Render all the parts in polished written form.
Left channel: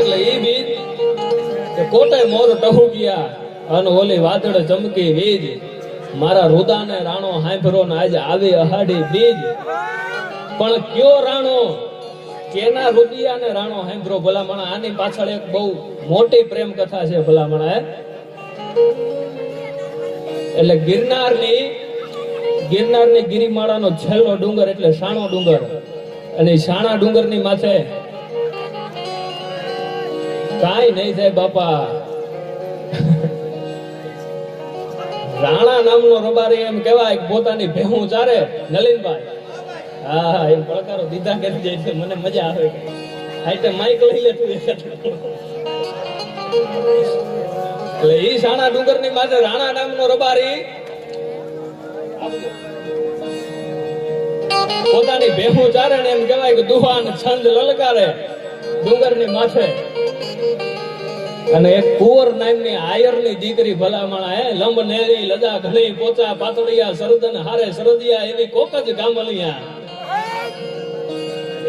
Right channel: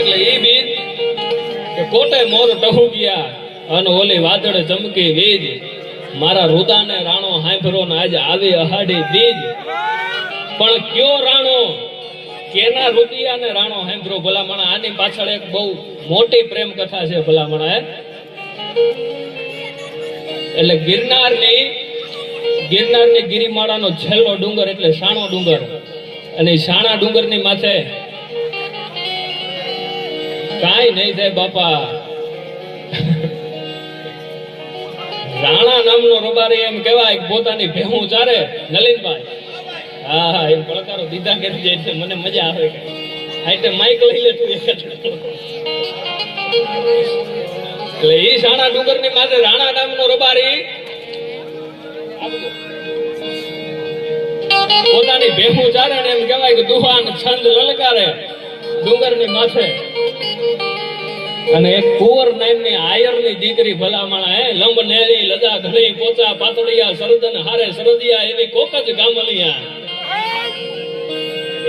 એટલે એ બીજ કે કોટે મોર ટહુ ગયા અને ઓલી વાદળ ચમકી વીજ મારા રુદાને રાણો હાંભરો ને આજે આવી અહાડી બીજ પણ કયો રાણો કેના રુદિયાને રાણો હાંભરો ભલામણા આની પાછળ એક બહુ મોટી પ્રેમ કથા છે ભલામણા એટલે ગિરનારની ગિરિમાળાનો છેલ્લો ડુંગર એટલે શાણો ડુંગર અને શાણા ડુંગરની માથે કાંઈ નહીં થાય બાપા રાણા નામનો રબારી એમ કહેવાય પોતાની ભેહું ચારે નલિનભાઈ હા એમ પડકારો દીધા કે મને મજા આવે હાઈટે માઈક લઈ લે તું એટલે ઈ શાણા ડુંગરની માથે રાણા નામનો રબારી પોતાની ભેહું ચારે ને એમ કહેવાય કે દુહાન છંદ લલકારે ડુંગરની માથે અને એક કુંવર નામની આયરની દીકરી ભલામણા લંબ નેરી લજા ઘણી પોચા પાતળિયા સરદન હારે સરદિયા એવી કોક જ ગામલિયા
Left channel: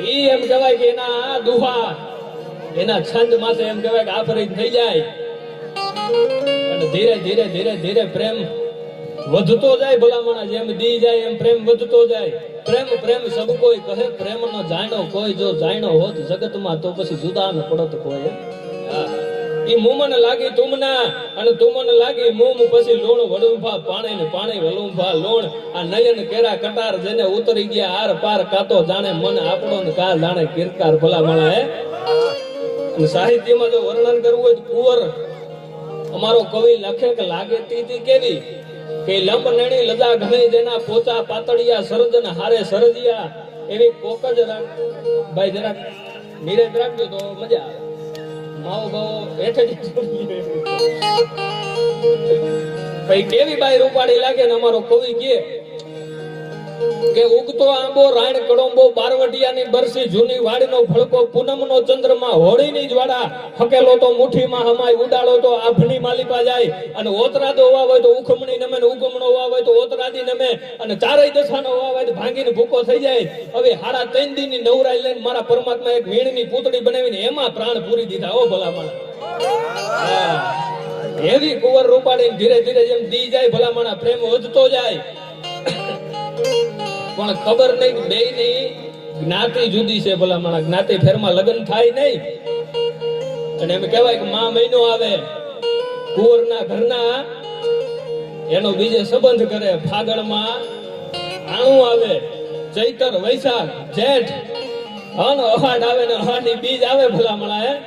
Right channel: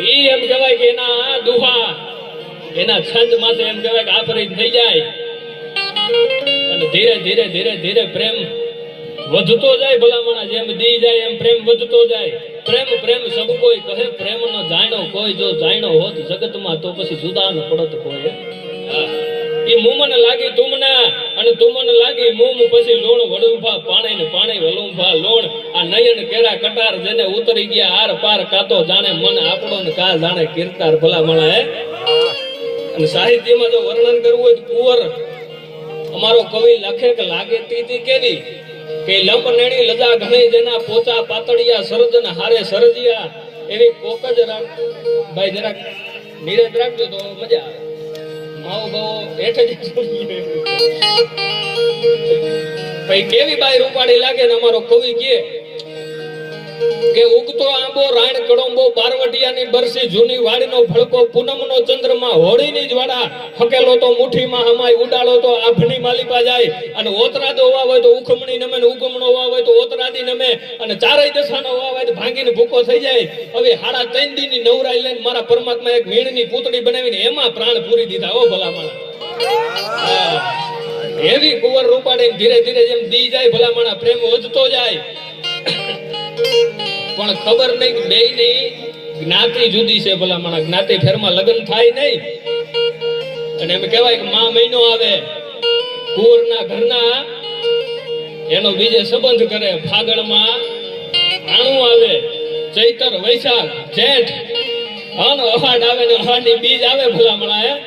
ઈ એમ કહેવાય કે એના દુહા એના છંદ માથે એમ કહેવાય કે આફરીત થઈ જાય અને ધીરે ધીરે ધીરે ધીરે પ્રેમ વધતો જાય ભલામણા જેમ દી જાય એમ પ્રેમ વધતો જાય પ્રેમ પ્રેમ સબ કોઈ કહે પ્રેમ ન જાણો કોઈ જો જાણો હોત જગતમાં તો પછી જુદા ન પડત કોઈ ઈ મુમન લાગી તુમના અને તુમન લાગી મુમ પછી લોણ વડુંભા પાણી ને પાણી વલુંભા લોણ આ નયન કેરા કટાર જેને ઉતરી ગયા આર પાર કાતો જાણે મન આપણો ને કા જાણે કીર્તાર ભલામણા અને સાહિત્યમાં જો વર્ણન કરવું હોય તો કુંવર અમારો કવિ લખે કે લાગે તીતી કેવી કે લંબ નેડી લજા ઘણી જેના પોચા પાતળિયા સરજન હારે સરજિયા એવી કોક જ રાખ ભાઈ જરાક નીરજ રાખજો તો મજા આવે માવ બાવો હેઠ જ ભાઈ કેવી બાઈ રૂપાળી લાગે ને અમારો કવિ કે ઉગતો આંબો રાણ કડોંબો બારવટિયાની બરસી જૂની વાડીનો ભડકો પૂનમનો ચંદ્રમાં હોળીની જ્વાળા ફકેલો તો મુઠ્ઠીમાં હમાય ઉડાડો તો આભની માલિપા જાય અને ઓતરાદો વાવ હોય તો ઉખમણી નમે ને ઉગમણો વાવ હોય તો ઓતરાદી નમે અને ચારેય દશાનો વાવ હોય તો ભાંગીને ભૂકો થઈ જાય હવે હાડા 3 દીની નવરાઈ લઈને મારા પરમાત્મા એક વીણની પૂતળી બનાવીને એમાં પ્રાણ પૂરી દીધા ઓ ભલામણા એવી કુંવર રૂપાડી ધીરે ધીરે જેમ દી જાય ભલામણા પ્રેમ વધતો જાય પણ ખબર નહીં કે બેયની જ્ઞાતિ જુદી છે ભલામણા જ્ઞાતિ ફેરમાં લગ્ન થાય નહીં અને એમ કહેવાય કે મા મહિનો આવે કુંવરના ઘરના એનો બીજે સંબંધ કરે ફાગણમાં આણું આવે ચૈતર વૈશાખ જેઠ અને અહાડ આવે ને અહાડની બીજ આવે ભલામણા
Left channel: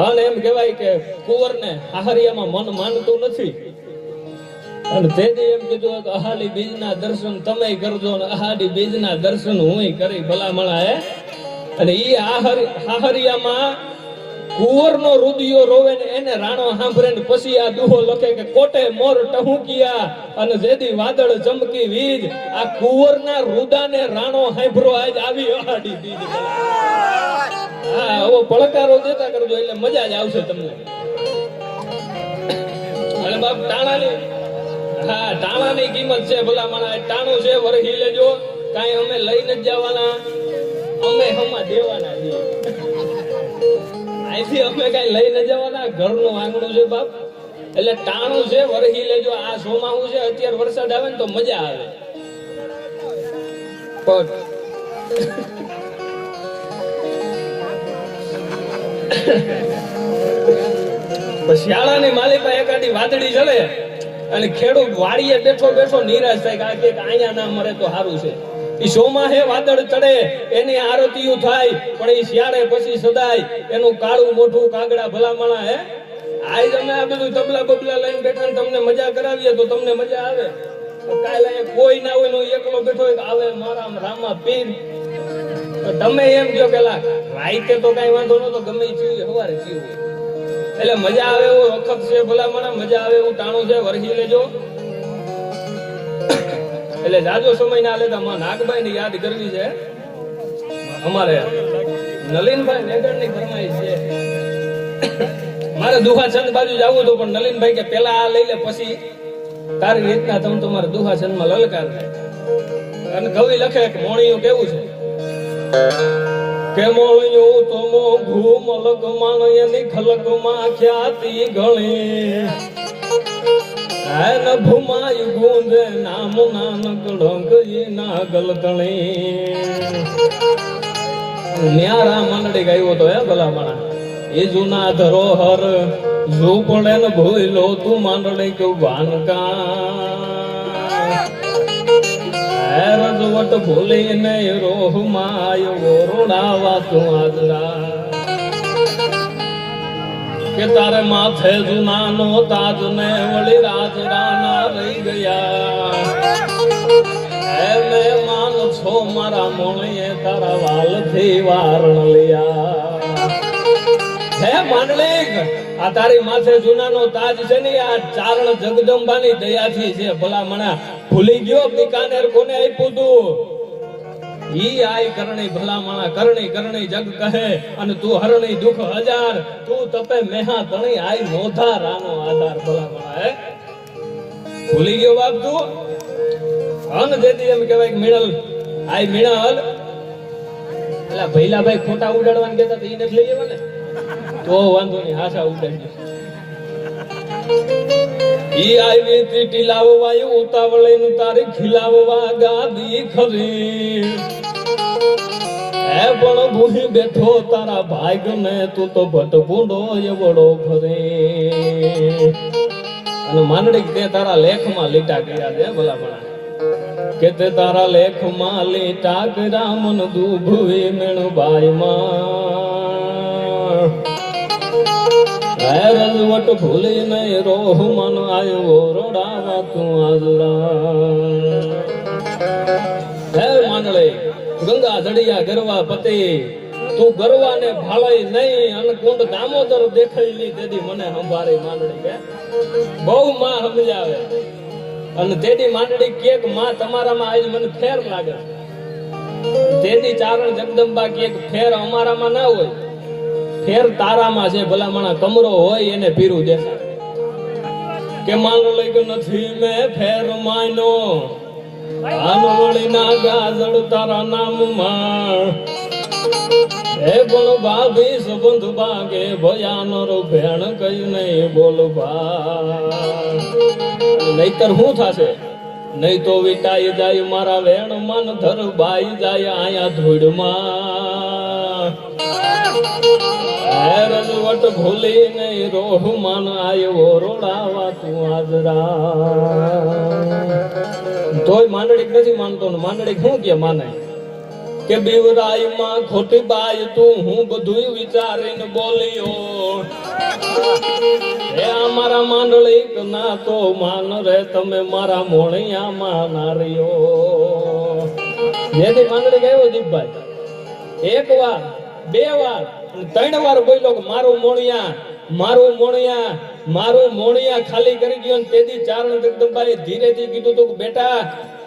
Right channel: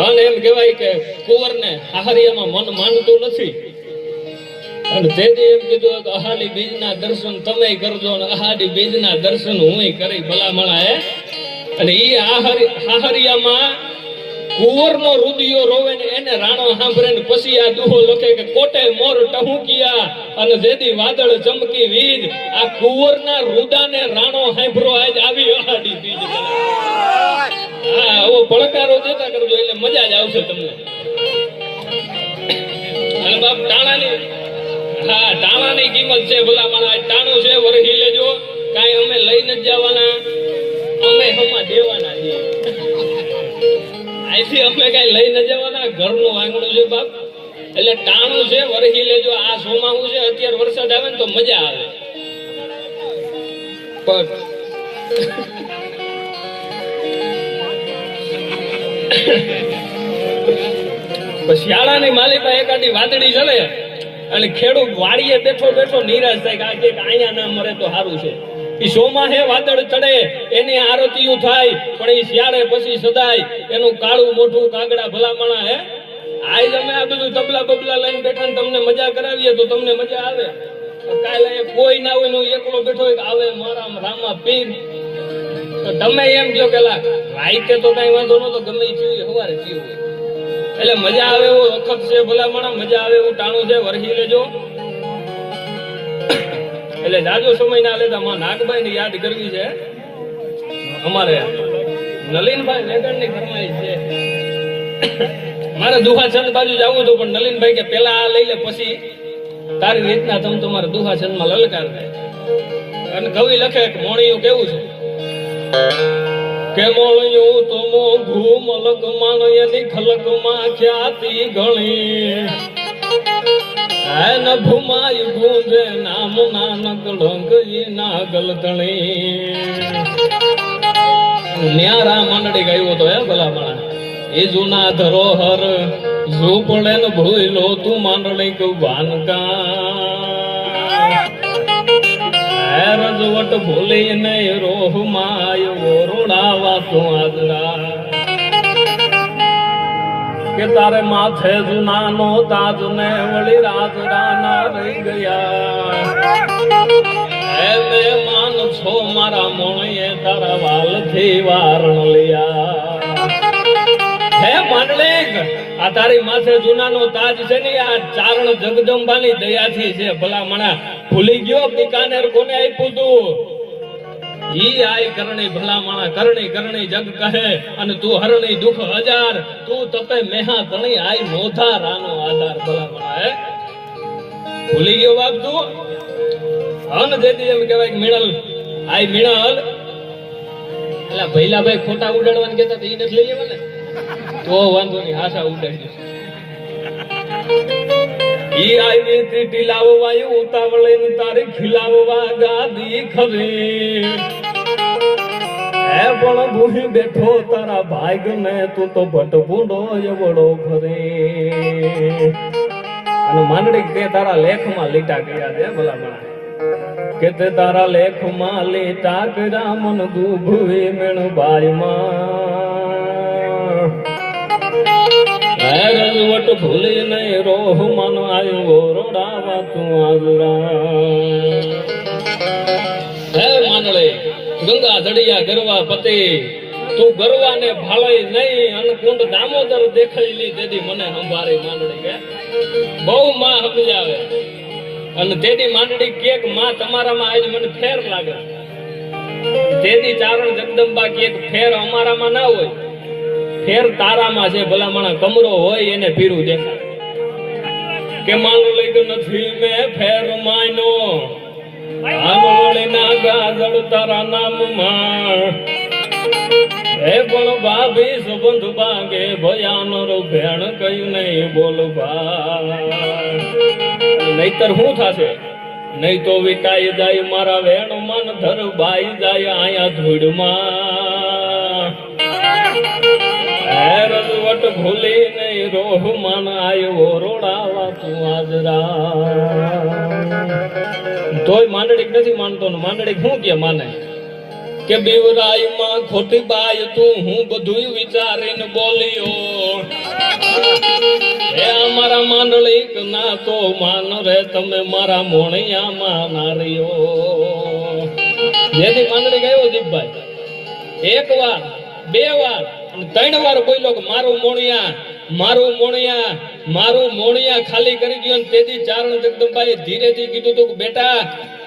અને એમ કહેવાય કે કુંવરને આહારિયામાં મન માનતું નથી અને તેથી એમ કીધું કે અહાડી બીજના દર્શન તમે કરજો અને અહાડી બીજના દર્શન હું કરી ભલામણા અને ઈ આહારિયામાં કુંવરનો રુદિયો રોવે ને એને રાણો સાંભળે ને પછી આ દુહો લખે કે કોટે મોર ટહુકિયા અને જેદી વાદળ ચમકી વીજ આ કુંવરના રુદાને રાણો સાંભળો આજ આવી અહાડી બીજ હા ઓ પડકારો દેતા કરજો એટલે મજા જ આવશે તમને અને બાપ ટાણાની હા ટાણાની કિંમત છે ભલામણા ટાણું છે વરહી લેજો કાંઈ અમે લઈને જ જવાના અમે હમા દેવાના છીએ અહીંથી અમે કઈ લઈને જવાના ઘરનું આંગણું છે બાપ એટલે ટાણું છે વરહી લેજો આ સોમાવું છે અત્યારે વરસાદ આવે ને તો મજા આવે પણ શિયાળાની માલિકા એકાદી વાદળી ચલે અને ખેડૂત વાડીએ બેઠો બેઠો નિરાશ થાય કે અહીંયા ના મરે તો સારું છે ઈ સોમાં હે વાદળ ચડે એની આરતીયું થાય પણ ઈ શિયાળે પછી સદાય એનું કાળું મોઢું કાગડા ભલામણા હે આજ અમે આ બધું તબલા બબલા લઈને બેઠા ને તમને મજા કરાવીએ તો તમને મજા આવે કાલે કોઈ ના હોય એકલો બેઠો હોય આવે મારા રામા પીર તો તમે એમ કહો કે રાઈતે તો કઈ વાંધો નતો ગમે થયું સવારે થયું એટલે મજા આવે એવો વખત છે ભલામણા મજા આવે એવું ટાણું છે વરહી લેજો એટલે જાજો સમય ના લેતા માં નાગભાઈ ને યાદ કરવી છે અમારે નલિનભાઈ વેગણ ની ઘરમાં છે મારે દુહાચંદ બાજુ જવું હતું પણ નલિનભાઈ કે પેલા આ લઈ લે પછી તારી રીતના તમે તમારા દુહાચંદ માં લલકાર થાય અને કવિ લખે કે મોણિયું કેવું છે કે મોળ્યું તો મોઘું મલક માં એની ખલક માં ખ્યાતિ ઘણી ન ભૂમાય ગુંજે નામ નાનક ડોંગરી ના ગલતણી ન્યારા મંડળી ગાયો તો હે ભલા માણા એ જૂના ધરોહર ઝૂપડે ને ભૂલો તું માંડળી કઉ ભાનકા રજવટ ભૂલી ને રોહ માય ઓરડાવા તું આજરા કે તારે માથે જુનાનો તાજ ને વળી રાજરાના રહી ગયા મેં માન છો મારા મોણીએ તારા વાલ થી વારણ લિયા હે માંડલિક આ તારી માથે જુનાનો તાજ છે ને આ ચારણ જગદંબાની દયાથી છે ભલા મણા ભૂલી ગયો બિકાનેર કોને આપ્યું તું ઈ આય કરણી ભલા માણા કરણી કરણી જગ કહે અને તું હરણી દુખ હજાર તું તપે મેહા તણી આય મોધા રાનો આધાર ભલા માણા હે ભૂલી ગયો બાપ તું અન દેતી એમ કહેવાય કે મિણલ આય મિણલ એલા ભઈલા ભાઈ ખોટા ઉડાડવાનું કહેતા તો ઈ નથી લઈ લેવા ને તો વાંધો નહીં હાસા ઉડાડી ઈ આવી તીટી લાવવા ઉતાવળે ને તારી ખીલાવવા ગાદી ખરી હે પણ ભૂહી બેઠો તારા ભાગ ને તું તો ભટભૂંડો એવડો ખરી અને માંડળી તે તારા લેખમાં લીટા કર્યા છે ભલા ભલા કે તે તારા લેખમાં લીટા કર્યા મન દુભવે મેણ બાયમાં રજવટ ભૂલી નહીં રોહ મન આવ્યો રોડાવા તું આજરા હે માંડળી ગંગા ધડિયા ગરવા પતિ તું ગરવા ને ભાળાઈ નહીં અને કુંડ દામોદર દેખાઈ લી તેદી મને સંભાળી માંડળી કે બહુ માં સમજાવે અને તેદી માંડળી કેક માં તમારામાં આજ મને ફેર લાગે તેદી ચારણ જગદંબા કેક ફેર અમારામાં ના હોય ફેર તારામાં છે ભલામણા કમરો હોય એને પીરું દેખાય કે માંડળી કે નથી મેં ફેર માયનો આનવળી ના ગાજળ તારા નામમાં હે બોલ ભાભી સુગંધ બાગે ભયાનો રો ભેણ કઈ નહીં બોલ ભા નહીતર શું થશે નહીં તો વિટાઈ જાય મારા વેણ મન ધર બાઈ જાય આયા ધૂળમાં રજવટ ભૂલી નહીં રોહ માન આવ્યો રોડાવા તું આજરા તોય માંડળી નથી માનતો ને માંડળી શું કે માને કે બીવરાઈ માં ખોટી બાઈ તું હું બધું વિચારીને બોલ્યો હે અમારા માંડળી ના તો માન રે તમે મારા મોણિયામાં નાર્યો જેથી માંડળી ગયો દીપભાઈ એક વાર બે વાર અને ત્રણ વાર બોલ્યો કે મારું મોણિયા ખાલી કરી ગયો ને તેદી ચારણ જગદંબાએ ધીરેથી કીધું તું કે બેટા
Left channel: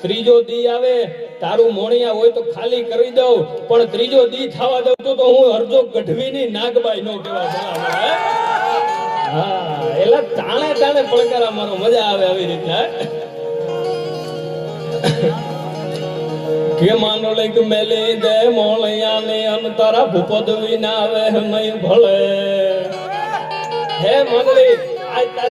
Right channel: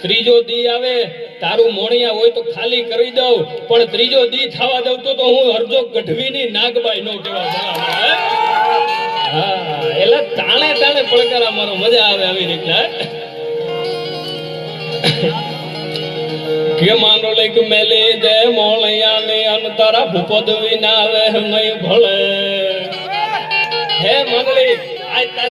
ત્રીજો દી આવે તારું મોણિયા હોય તો ખાલી કરી દઉં પણ ત્રીજો દી થવા દઉં તો હું હરજો ગઢવીની નાગબાઈ નો કેવા હા એટલે તાણે તાણે પડકારા મારો મજા આવે આવી રીતના કે માંડળી કે મેલી જય મોણિયા ને અંતરા ભૂપદ વિના આવે નહીં ભળે હે માંડળી